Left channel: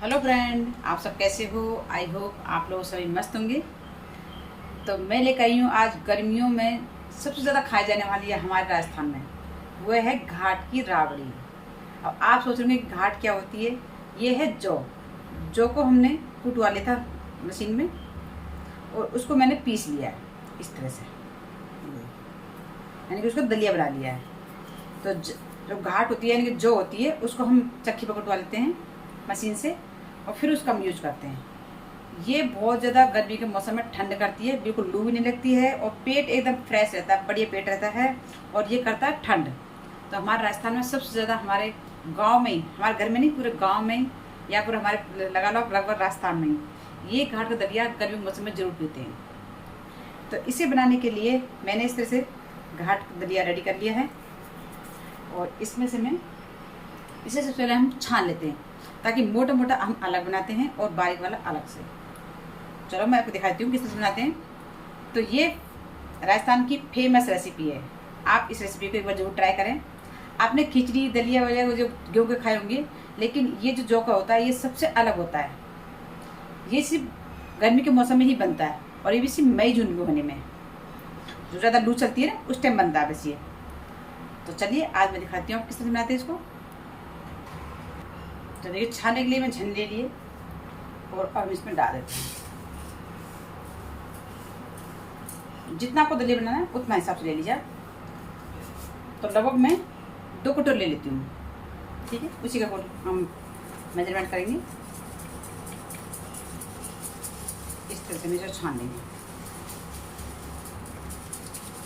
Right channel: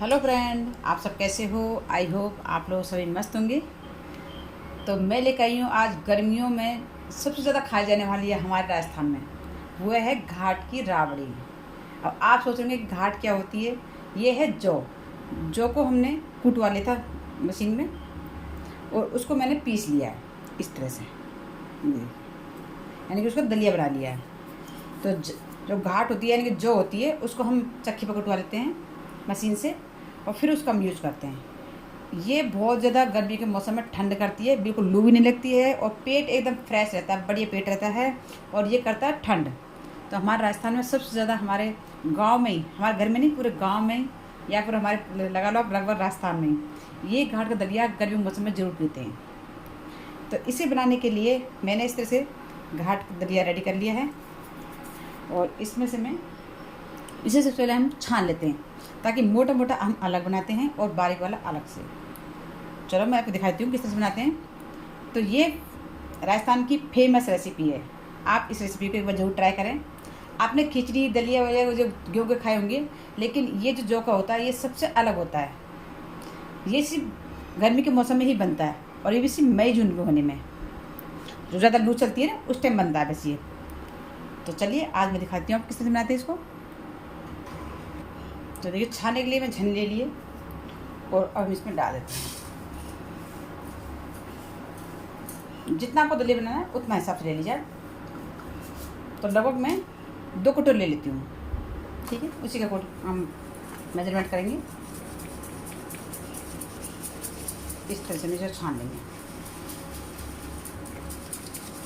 Hello friend, आप सब कैसे हो। आई होप आप लोग सभी मस्त होंगे। तो मैं लेकर आई हूँ आज गर्मियों में सबसे ज़्यादा खाई जाने वाली है हमारे राजस्थान में, वो है घाट की राबड़ी। अब आप सोच रहे होंगे घाट क्या होती है। ये है जौ। जौ को हमने कूटवा लिया था मशीन में और उसको मैंने पीस लिया है इस तरह से, यानी कि उसको दलिया बना लिया है। तो जो घाट होती है यानी कि जौ होती है उसको हम चक्की पर कुटवा लेते हैं मशीन से और फिर उसका हम यूज करते हैं। ये बहुत ज़्यादा गर्मी के मौसम में ठंड करती है, बिल्कुल लू भी नहीं लगती है और पेट एकदम फ्रेश रहता है, बढ़िया पेट रहता है और ये करता है ठंड। तो हमारे राजस्थान में सबसे ज़्यादा हमारे गांव में ही, हमारे घर में नहीं पूरे गांव में ही या पूरे हमारे लगा लो लगभग राजस्थान में ही ये घाट का दलिया गर्मी के मौसम में ज़रूर पीते हैं। तो इसे बनाने के लिए मैंने इस तरह से घाट का दलिया रेडी कर लिया है और इसमें से मैं इसे सबसे पहले हम छान लेते हैं ताकि मोटा मोटा हम अलग बनाते हैं और बारीक वाला अलग से। चलो मैं आपको दिखाती हूँ किस तरह से बनाते हैं। तो ये राजस्थान की फेमस रेसिपी है, आप इस रेसिपी को एक बार जरूर ट्राई करें। आपने खिचड़ी दलिया वगैरह जो गेहूँ के खाए होंगे, लेकिन ये जो जौ का होता है ये सबसे अलग होता है। ये सिर्फ गर्मी के मौसम में ही बनता है और ये भी सिर्फ मई जून के होने में, जो ज़्यादा लू चलती है ना उस टाइम बनता है बस ये। तो चलिए आज मैं दिखाती हूँ आप किस तरह से बनाते हैं इसको। तो देखिए छाने के लिए मैं छन ले लिए और अब इसमें डाल देते हैं। जितना आपको दलिया बनाना है उतना हिसाब से ले लीजिए। तो लगभग मैं 2 कटोरी ले लेती हूँ, ठीक है। उसी का हम मेजरमेंट करेंगे। इस तरह से मेजर छान लेंगे।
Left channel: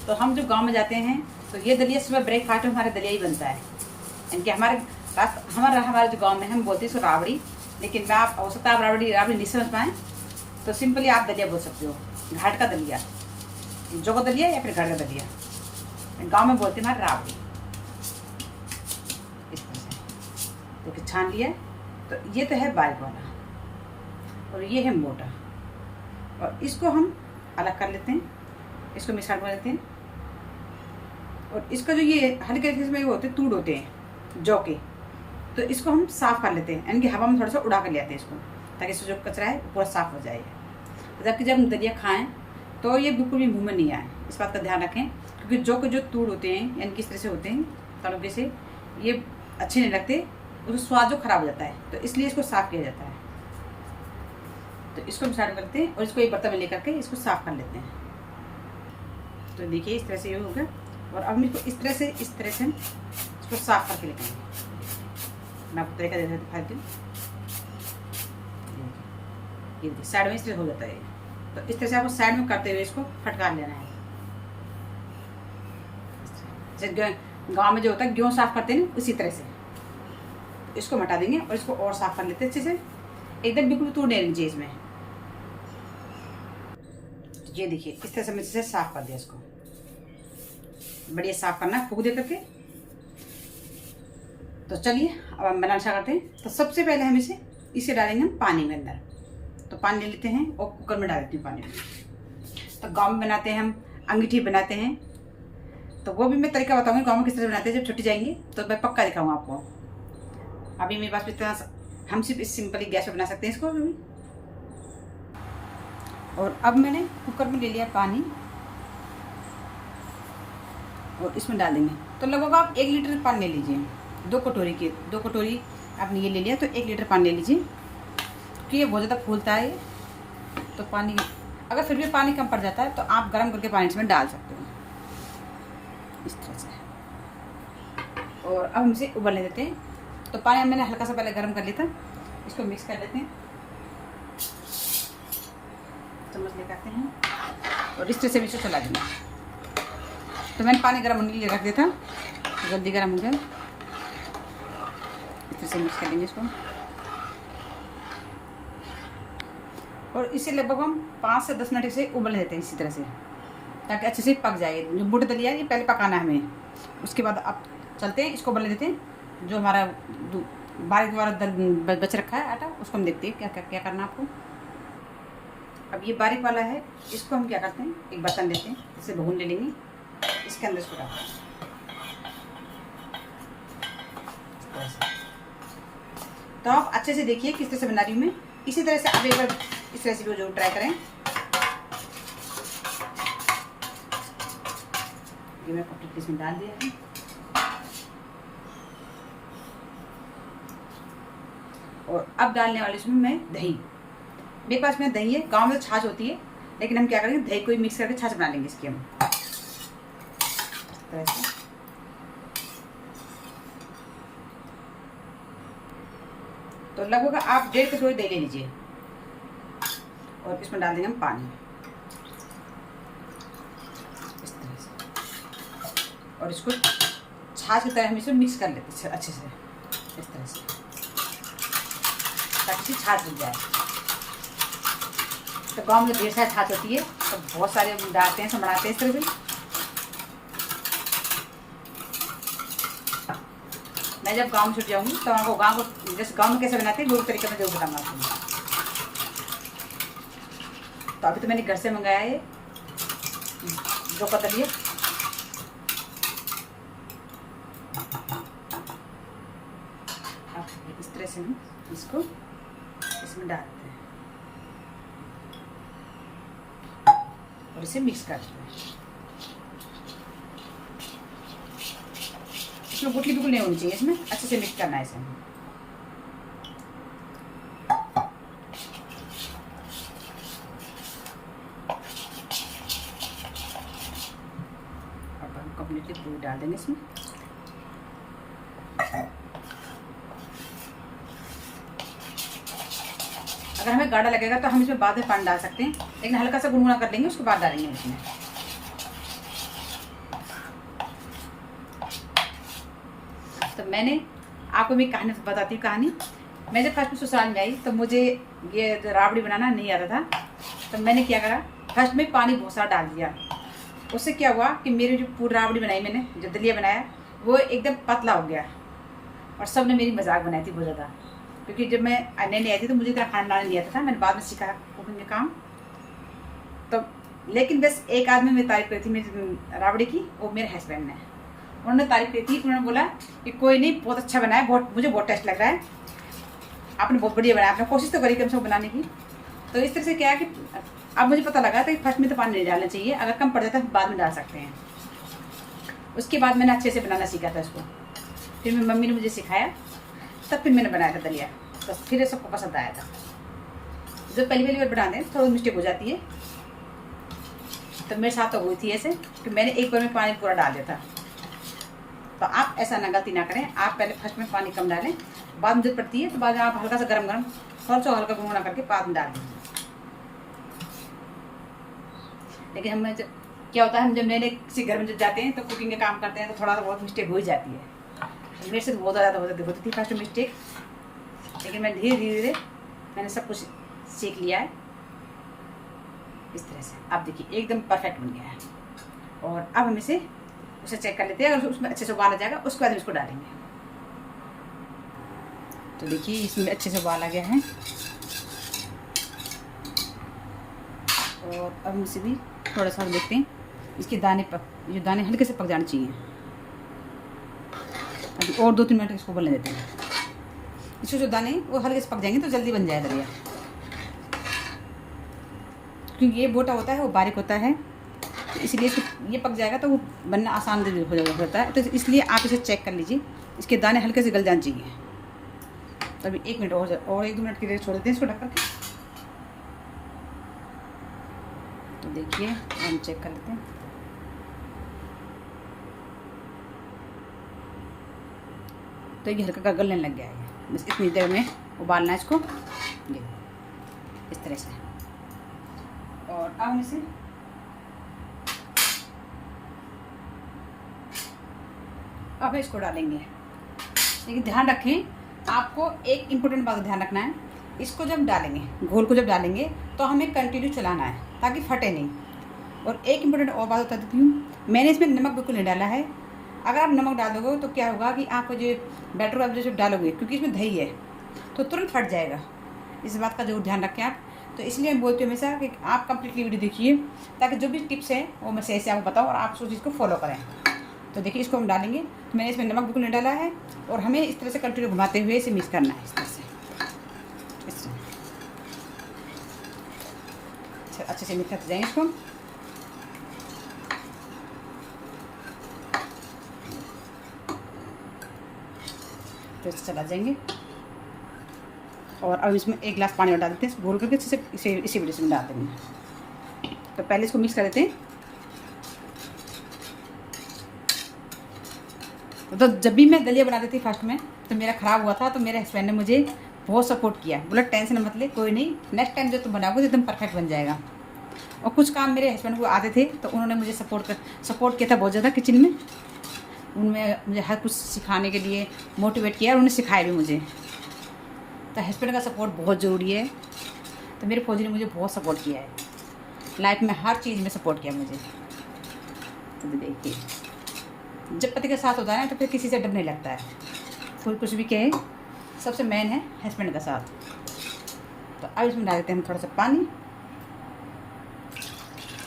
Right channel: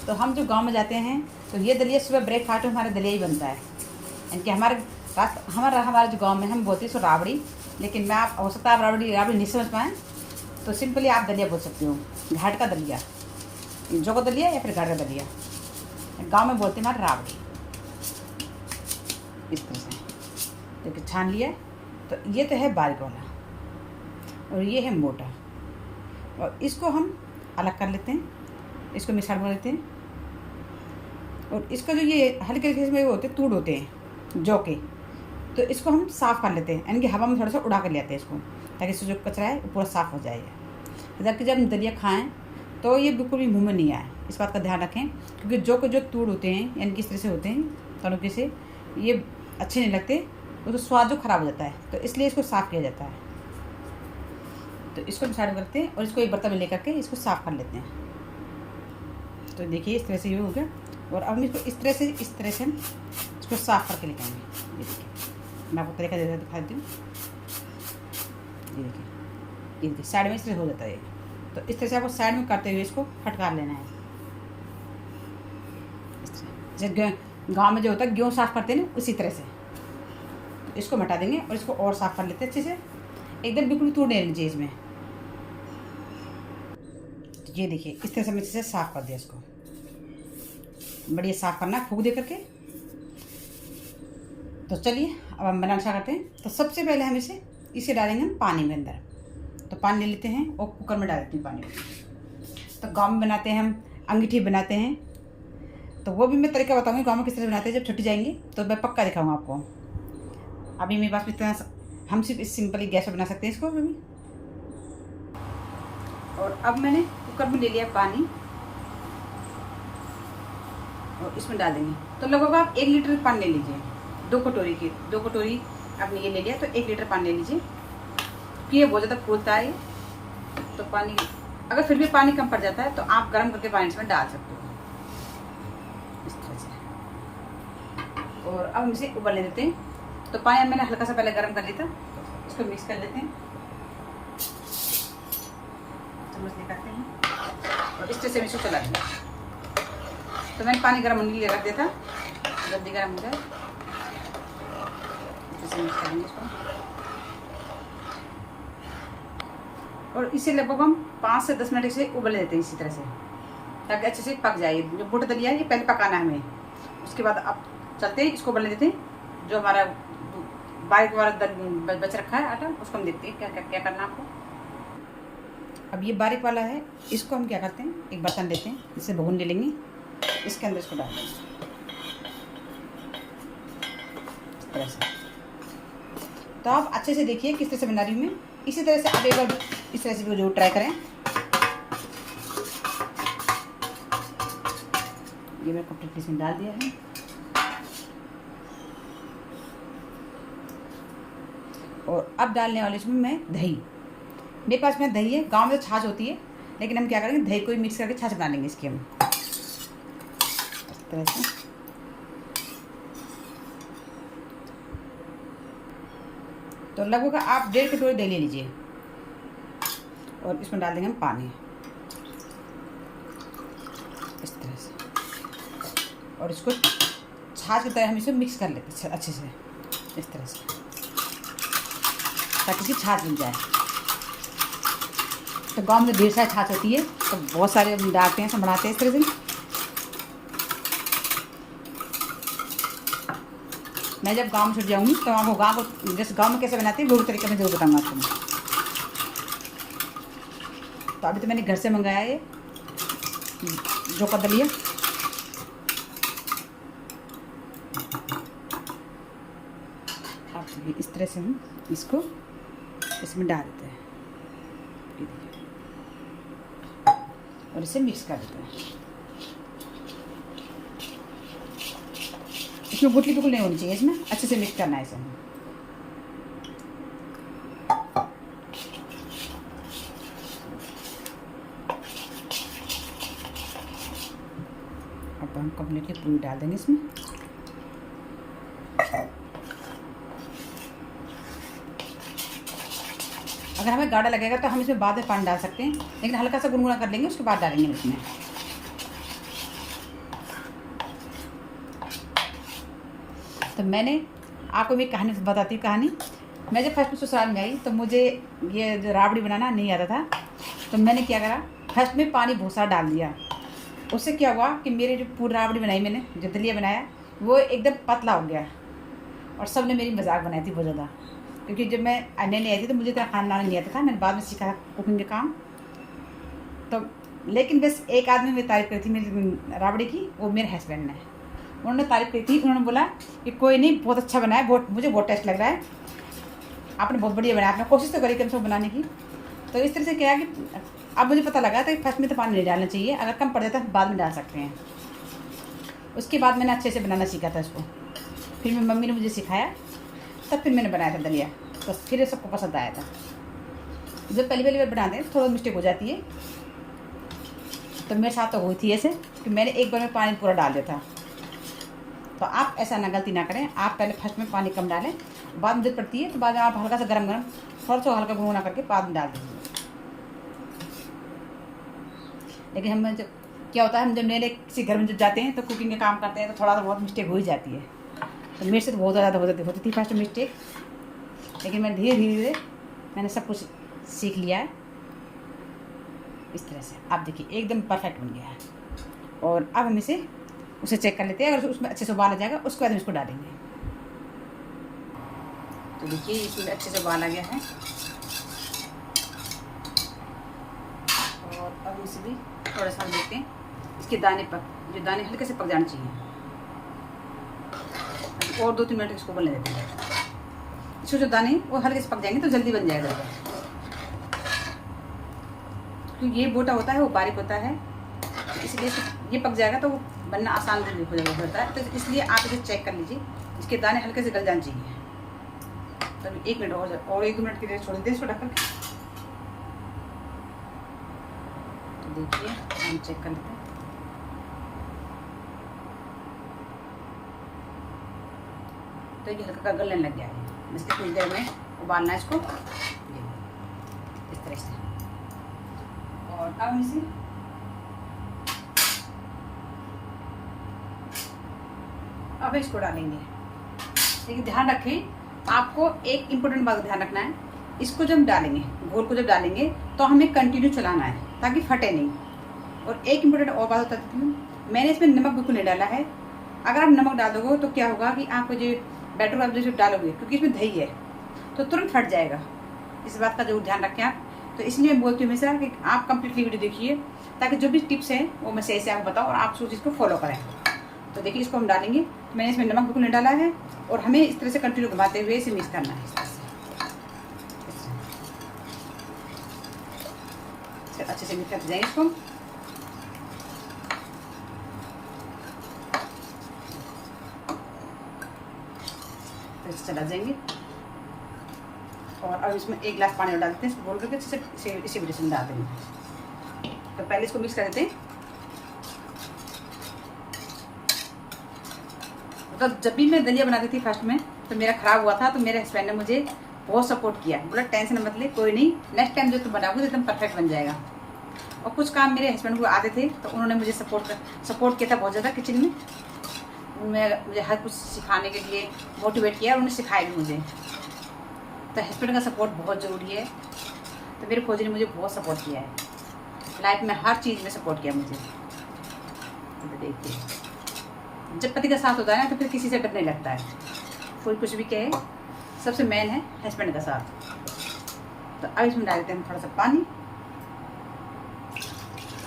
तो हम जो गांव में जाते हैं तो ये दलिया सुबह ब्रेकफास्ट में हमारा दलिया ही बनता है। इनके हमारा जो गांव में हम बोलते हैं इसको राबड़ी, लेकिन मैं आप हो सकता है आप राबड़ी नहीं समझ पाएँ तो सिंपली आप दलिया बोल सकते हो। घाट का दलिया, जौ का दलिया या फिर घाट का दलिया, गांव में बोलते हैं हमारे राबड़ी। इस तरह से देखिए छान लिया। तो ये तो है बारीक वाला और ये है मोटा, और इसको हम अलग कर लेते हैं, इसको मिक्सर में लेते हैं। और इसका जो ये हल्के हल्के में होते हैं तूड़ होते हैं जौ के, तो इसको हम साफ़ कर लेते हैं, यानी कि हवा में थोड़ा सा उड़ा कर ले आते हैं इसको, ताकि इससे जो कचरा है पूरा साफ़ हो जाएगा। जबकि जब हम दलिया खाएं तो ये बिल्कुल भी मुँह में नहीं आए, इस बात का ध्यान रखें। क्योंकि जौ के जो तूड़ होते हैं यानी कि इस तरह से होते हैं तड़के से, ये अच्छे नहीं लगते, उसका स्वाद जो खराब हो जाता है, तो इसलिए इसको साफ़ किया जाता है। तो इसको मिक्सर करते हैं और इसको एक बर्तन में लेकर के इसको साफ़ कर लेते हैं। तो देखिए इस तरह से ये हो गया। और अब हम इसको इस तरह से हम इसको साफ़ करके लेके आएंगे। मैं आपको तरीका दिखाती हूँ। ये देखिए साइड में इस तरह हो जाता है। तो इस तरह से आपको साइड में करते हुए इसको फटकार लेना है। जैसे गाँव में जो होता है गेहूँ साफ़ करते हैं ना, उसी तरह से। तो इसको हटा देंगे और इसको और साफ़ कर लेते हैं अच्छे से, एकदम बिल्कुल तोड़ने लीजिए इसमें। तो ये देखिए इस तरह से मैं इसे साफ़ कर दिया, इसको बढ़िया साफ़ करना है फूक दे करके। तो चलिए अब हम बनाना स्टार्ट करते हैं। तो सबसे पहले हम इसे डालेंगे हम पानी में अंदर। तो पानी ले लेते हैं और कुकर में डाल देती हूँ पानी में। तो गाँव में बनाते हैं हम अंगीठी बनाते हैं, तो वो भी मैं तरीका बताऊँगी गाँव में किस तरह बनाते हैं। जब छुट्टी जाएंगे तो मैं पक्का दिखाऊँगा आपको। अभी मेरे पास इतना, हम सिर्फ सिंपली गैस पर बना सकते हैं इसको अभी। और अब मैंने कुकर में ले लिया पानी और इसमें डाल देंगे। तो लगभग आप 1 लीटर पानी ले लीजिए। 2 कटोरी आपने ये ले लिया तो 1 लीटर पानी ले लीजिए, क्योंकि ये बहुत ज़्यादा फूलता है। तो पानी अगर फिर भी पानी कम पड़ जाता है तो आप गर्म करके पानी इसमें डाल सकते हो इस तरह से। और अब हम इसे उबलने देते हैं। तो पानी मैंने हल्का सा पहले गर्म कर लिया था, इसको मिक्स कर लेते हैं। चम्मच लगाते हैं और इस तरह से भी इसको चला देंगे। तो मैंने पानी गर्म होने के लिए रख दिया था, जल्दी गर्म हो गया। इस तरह से मिक्स कर लेंगे इसको और इसे लगभग हम 5 से 10 मिनट इसे उबल देते हैं इसी तरह से, ताकि अच्छे से पक जाए। जो बूट दलिया है ये पहले पकाना है हमें, उसके बाद अब चलते हैं इसको उबलने देते हैं। जो हमारा बारीक वाला बच रखा है आटा, उसको हम देखते हैं क्या करना है आपको। अब ये बारीक वाला है, इसको हम क्या करते हैं, एक बर्तन लेते हैं, इसे भून ले लेंगे, इसके अंदर इसको डालते हैं इस तरह से। तो आप अच्छे से देखिए किस तरह से बना रही हूँ मैं। इसी तरह से आप एक बार इस रेसिपी को जरूर ट्राई करें। ये मैं कम्प्लीट इसमें डाल दिया है। और अब डालने वाली इसमें मैं दही। मेरे पास में दही है, गांव में तो छाछ होती है, लेकिन हम क्या करेंगे दही को मिक्स करके छाछ बना लेंगे इसकी हम इस तरह से। तो लगभग आप 1.5 कटोरी दही ले लीजिए और इसमें डाल देंगे हम पानी इस तरह से। और इसको छाछ की तरह हम इसे मिक्स कर लेते हैं अच्छे से इस तरह से, ताकि इसकी छाछ मिल जाए। तो गांव में ढेर सारी छाछ होती है, तो बहुत सारे डालते हैं, सब बनाते हैं इस तरह से। मैं जब गांव में छुट जाऊंगी तो आपको गांव को जैसे गांव में कैसे बनाते हैं वो तरीके में जरूर बताऊंगा आपको। तो अभी तो मैंने घर से मंगाया है जो कदलिया। इस तरह से हम इसको इसमें डालते हैं और इसे मिक्स करते हैं। इसमें गुठली बिल्कुल नहीं होनी चाहिए, इसमें अच्छे से मिक्स करना है इसे। अब हम कंप्लीटली पूरी डाल देंगे इसमें। अगर हमें गाढ़ा लगेगा तो हम इसमें बाद में पानी डाल सकते हैं, लेकिन हल्का सा गुनगुना कर लेंगे, उसके बाद डालेंगे इसमें। तो मैंने आपको मैं कहानी बताती हूँ। कहानी, मैं जब फर्स्ट में ससुराल में आई तो मुझे ये राबड़ी बनाना नहीं आता था। तो मैंने क्या करा, फर्स्ट में पानी बहुत सारा डाल दिया। उससे क्या हुआ कि मेरे जो पूरी राबड़ी बनाई मैंने, जो दलिया बनाया, वो एकदम पतला हो गया। और सब ने मेरी मजाक बनाई थी बहुत ज़्यादा, क्योंकि जब मैं नई आई थी तो मुझे इतना खाना बनाना नहीं आता था। मैंने बाद में सीखा कुकिंग का काम। तो लेकिन बस एक आदमी में तारीफ करी थी मेरी राबड़ी की, वो मेरे हस्बैंड ने। उन्होंने तारीफ की थी, उन्होंने बोला कि कोई नहीं, बहुत अच्छा बनाया, मुझे बहुत टेस्ट लग रहा है, आपने बहुत बढ़िया बनाया, आपने कोशिश तो करी कम से कम बनाने की। तो इस तरह से क्या है कि अब मुझे पता लगा था कि फर्स्ट में तो पानी नहीं डालना चाहिए, अगर कम पड़ जाता है बाद में डाल सकते हैं। उसके बाद मैंने अच्छे से बनाना सीखा था उसको, फिर मेरी मम्मी ने मुझे सिखाया, तब फिर मैंने बनाया था दलिया। तो फिर सबको पसंद आया था। जब पहली बार बनाते हैं थोड़ा मिस्टेक हो जाती है, तो मेरे साथ तो हुई थी ऐसे कि मैंने एक बार में पानी पूरा डाल दिया था। तो आप ऐसा ना गलती ना करें, आप पहले फर्स्ट में पानी कम डालें, बाद में जरूरत पड़ती है तो बाद में आप हल्का सा गरम थोड़ा सा हल्का गुनगुना करके बाद में डाल दीजिए। लेकिन हम जब क्या होता है, हम जब नए नए किसी घर में जब जाते हैं तो कुकिंग का काम करते हैं तो थोड़ा सा बहुत मिस्टेक हो ही जाती है। तो मेरे से तो बहुत ज़्यादा होती थी फर्स्ट मिस्टेक, लेकिन मैं धीरे धीरे मैंने सब कुछ सीख लिया है। इस तरह से आप देखिए एकदम परफेक्ट बन गया है। और अब हम इसे उसे चेक कर लेते हैं, अगर उसमें अच्छे से उबाल आ जाएगा उसके बाद हम इसको डालेंगे। तो देखिए इसमें अच्छे से उबाल आ गया है। और अब हम इसे भी थोड़ा सा देखते हैं, इसके दाने जो दाने हल्के से पक जाने चाहिए। और 2-3 मिनट इसको उबलने देते हैं। इसको जो दाने वो हल्के से पक जाएंगे तो जल्दी बन जाएगा दलिया, क्योंकि ये मोटा होता है वो बारीक होता है, इसलिए ये पक जाएगा तो वो बनना आसान होता है। तो इसलिए आप इसे चेक कर लीजिए, इसके दाने हल्के से गल जाने चाहिए। तो अभी 1 मिनट और 1-2 मिनट के लिए छोड़ देते हैं इसको ढककर। तो देखिए हम चेक कर लेते हैं। तो ये हल्का गलने लग गया है, बस इतनी देर में उबालना है इसको इस तरह से। और अब हम इसे अब इसको डालेंगे। लेकिन ध्यान रखें, आपको एक इम्पोर्टेंट बात ध्यान रखना है, इसको जब डालेंगे, घोल को जब डालेंगे तो हमें कंटिन्यू चलाना है ताकि फटे नहीं। और एक इम्पोर्टेंट और बात बता देती हूँ, मैंने इसमें नमक बिल्कुल नहीं डाला है। अगर आप नमक डाल दोगे तो क्या होगा कि आप जो बैटर आप जैसे डालोगे, क्योंकि इसमें दही है, तो तुरंत फट जाएगा। इस बात का जरूर ध्यान रखें आप। तो इसलिए मैं बोलती हूँ हमेशा कि आप कंप्लीटली वीडियो देखिए, ताकि जो भी टिप्स हैं वो मैं सही से आपको बताऊँ और आप उस चीज़ को फॉलो करें। तो देखिए इसको हम डालेंगे। मैंने इसमें नमक बिल्कुल नहीं डाला है और हमें इस तरह से कंटिन्यू घुमाते हुए इसे मिक्स करना है इस तरह से। से मिक्स करते जाएंगे इसको। तो चला जाएंगे और अब इसमें 1 गिलास पानी और डालते हैं, घोल करके अच्छे से इसी वजह में डाल देंगे। तो पहले इसको मिक्स कर देते हैं। तो जब भी मैं दलिया बनाती थी फर्स्ट में तो मेरा ख़राब हुआ था, तो मेरे हस्बैंड ने मुझे बहुत सपोर्ट किया, बोला टेंशन मत ले, कोई नहीं, नेक्स्ट टाइम जो तुम बनाओगे तो एकदम परफेक्ट बन जाएगा। और कुछ काम मेरे हस्बैंड को आते थे तो उन्होंने मुझे सपोर्ट किया था बहुत ज़्यादा किचन में। उनमें मुझे हर कुछ सिखाने के लिए मोटिवेट किया और उन्होंने सिखाया भी मुझे। तो हस्बैंड का सपोर्ट बहुत ज़रूरी है। तो मेरे फौजी ने मुझे बहुत सपोर्ट किया है, लाइफ में हर चीज़ में सपोर्ट किया मुझे। देखिए, जब पति का साथ होता है ना तो फिर किसी से डर नहीं लगता है, कोई कुछ भी कहे, सबसे मेन है हस्बैंड का साथ। तो अब इसमें डाल देते हैं थोड़ा सा पानी।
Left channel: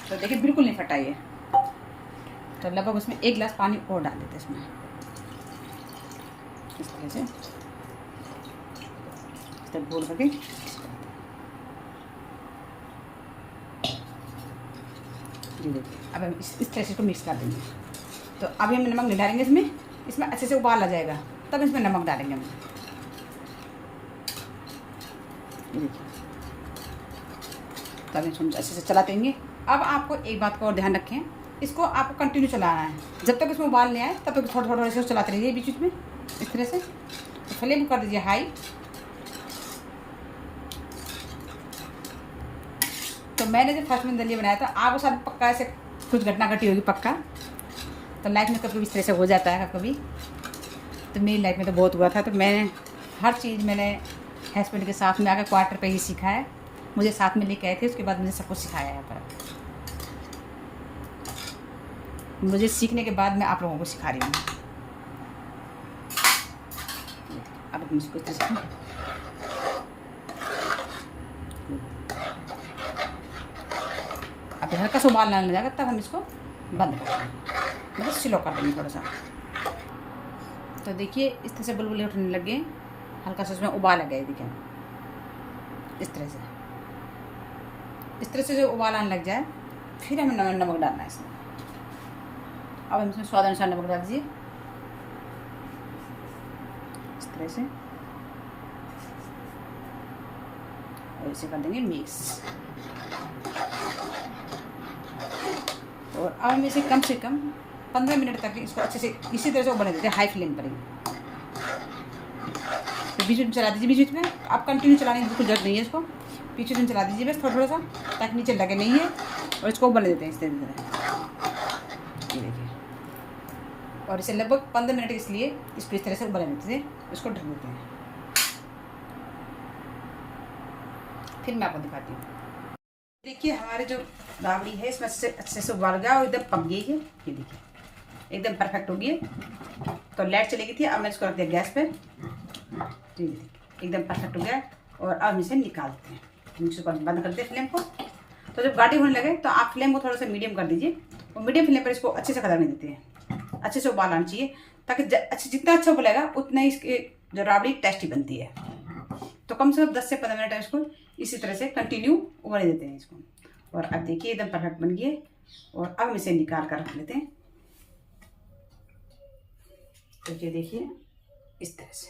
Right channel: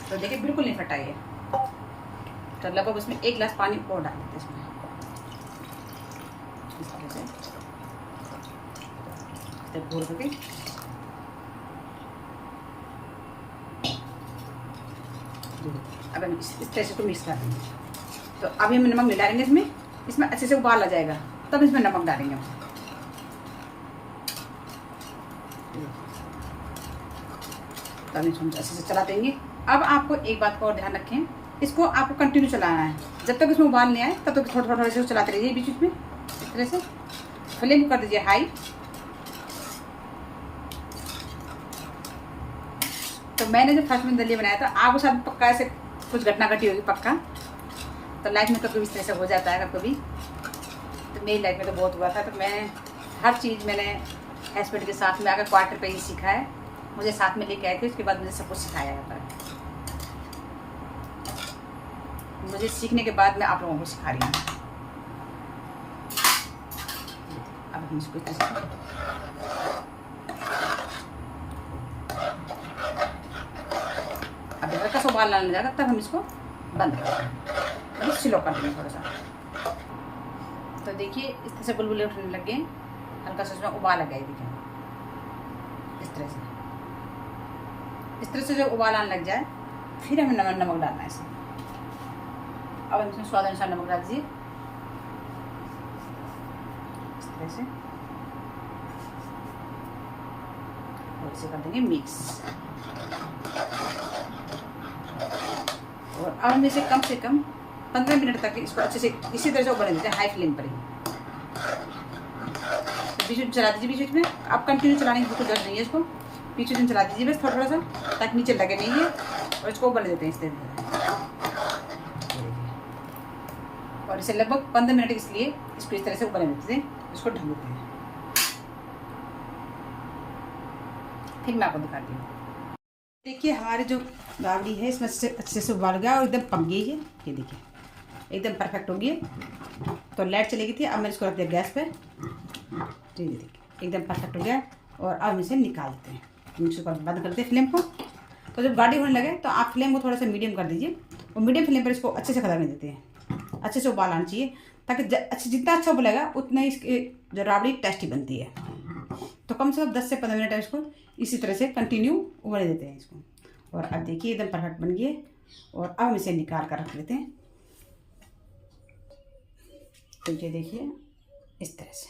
तो देखिए बिल्कुल नहीं फटा ये, तो लगभग उसमें 1 गिलास पानी और डाल देते हैं इसमें, इस तरह से घोल करके। अब हम इस तरह से मिक्स कर देंगे। तो अभी हम नमक नहीं डालेंगे इसमें अच्छे से उबाल आ जाएगा तब इसमें नमक डालेंगे हम। तो हम इसको अच्छे से चला देंगे। अब आपको एक बात का और ध्यान रखें, इसको आपको कंटिन्यू चलाना है, जब तक इसमें उबाल नहीं आए तब तक थोड़ा थोड़ा से चलाते रहिए बीच में इस तरह से। फ्लेम को कर दीजिए हाई। तो मैंने जब फर्स्ट में दलिया बनाया था, आपको साथ पक्का ऐसे कुछ घटना घटी होगी पक्का, तो लाइफ में तो कभी इस तरह से हो जाता है कभी। तो मेरी लाइफ में तो बहुत हुआ था। तो मैंने हर चीज़ मैंने हस्बैंड के साथ में आकर क्वार्टर पे ही सीखा है, मुझे साथ में लेके आए थे, उसके बाद मुझे सब कुछ सिखाया है। मुझे सीखने के बाद मैं आप लोगों को सिखा रही हूँ। अब हम इसको अब हल्का सा उबाल आने लगा तब हम इसको बंद कर देंगे, स्लो कर देंगे थोड़ा सा। तो देखिए इस तरह से बुलबुले उठने लगे, हल्का सा उसमें उबाल आ गया। देखिए इस तरह से जब उबाल आने लग जाए फिर हमें नमक डालना है इसमें। अब हम इसमें स्वाद अनुसार नमक डाल दीजिए इस तरह से, और इसे कर देंगे मिक्स। और अब हम इसे कम से कम 15 मिनट तक इसको अच्छे से इसी तरह से उबाल देते हैं, हाई फ्लेम पर ही। तो बीच में चला दीजिए, बीच में आप कंटिन्यू चलाने की बिल्कुल जरूरत नहीं है, इसको बीच में चला दीजिए बस थोड़ा सा, ताकि नीचे लगे नहीं है। और इसको उबाल देते हैं इस तरह से, और इसे लगभग 15 मिनट इसलिए इसको इस तरह से उबाल देते थे। इसको ढक देते हैं, फिर मैं आपको दिखाती हूँ। देखिए हमारे जो राबड़ी है इसमें अच्छे से उबाल गया और एकदम पक गई है। ये देखिए एकदम परफेक्ट हो गई है। तो लाइट चली गई थी, अब मैंने इसको रख दिया गैस पे। तो ये देखिए एकदम परफेक्ट हो गया। और अब इसे निकालते हैं, मिक्सर को बंद करते हैं फ्लेम को। तो जब गाढ़ी होने लगे तो आप फ्लेम को थोड़ा सा मीडियम कर दीजिए, और मीडियम फ्लेम पर इसको अच्छे से खदकने देते हैं, अच्छे से उबाल आना चाहिए, ताकि जितना अच्छा उबलेगा उतना ही इसकी जो राबड़ी टेस्टी बनती है। तो कम से कम 10 से 15 मिनट इसको इसी तरह से कंटिन्यू उबाल देते हैं इसको। और अब देखिए एकदम परफेक्ट बन गई है। और अब हम इसे निकाल कर रख लेते हैं। तो ये देखिए इस तरह से,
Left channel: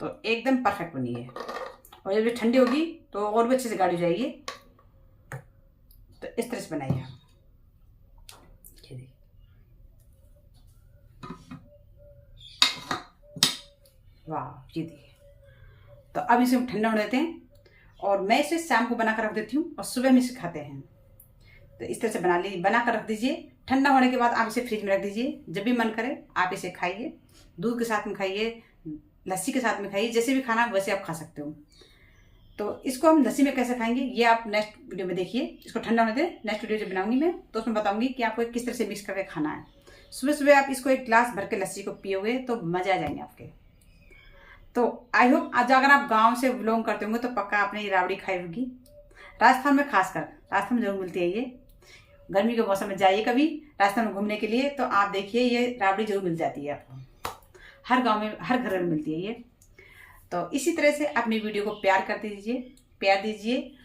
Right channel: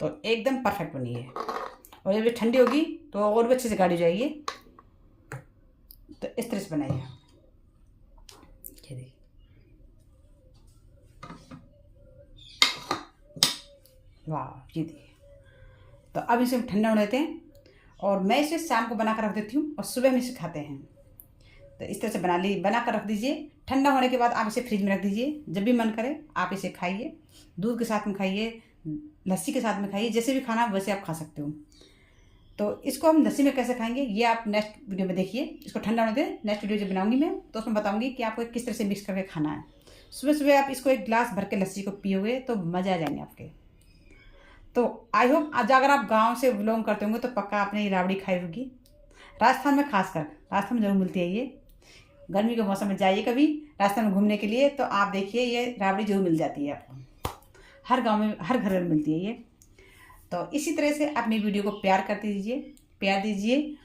तो एकदम परफेक्ट बनी है। और जब ये ठंडी होगी तो और भी अच्छे से गाढ़ी जाएगी। तो इस तरह से बनाइए। ये देखिए वाह, ये देखिए। तो अब इसे हम ठंडा होने देते हैं, और मैं इसे शाम को बना कर रख देती हूँ और सुबह हम इसे खाते हैं। तो इस तरह से बना कर रख दीजिए। ठंडा होने के बाद आप इसे फ्रिज में रख दीजिए, जब भी मन करे आप इसे खाइए, दूध के साथ में खाइए, लस्सी के साथ में खाइए, जैसे भी खाना वैसे आप खा सकते हो। तो इसको हम लस्सी में कैसे खाएंगे ये आप नेक्स्ट वीडियो में देखिए। इसको ठंडा होने दें, नेक्स्ट वीडियो जब बनाऊंगी मैं तो उसमें बताऊंगी कि आपको किस तरह से मिक्स करके खाना है। सुबह सुबह आप इसको 1 गिलास भर के लस्सी को पियोगे तो मज़ा आ जाएंगे आपके। तो आई होप आज अगर आप गांव से बिलोंग करते होंगे तो पक्का आपने ये राबड़ी खाई होगी। राजस्थान में खासकर, राजस्थान में जरूर मिलती है ये। गर्मी के मौसम में जाइए कभी राजस्थान में घूमने के लिए तो आप देखिए ये राबड़ी जरूर मिल जाती है आपको, हर गांव में हर घर में मिलती है ये। तो इसी तरह से अपनी वीडियो को प्यार दीजिए।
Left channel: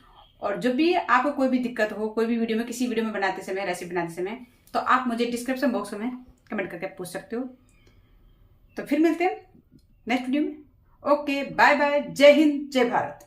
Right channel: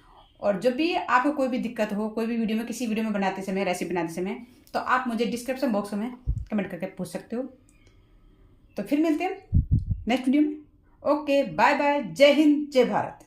और जो भी आपको कोई भी दिक्कत हो, कोई भी वीडियो में, किसी वीडियो में बनाते समय, रेसिपी बनाते समय, तो आप मुझे डिस्क्रिप्शन बॉक्स में कमेंट करके पूछ सकते हो। तो फिर मिलते हैं नेक्स्ट वीडियो में। ओके, बाय बाय, जय हिंद, जय भारत।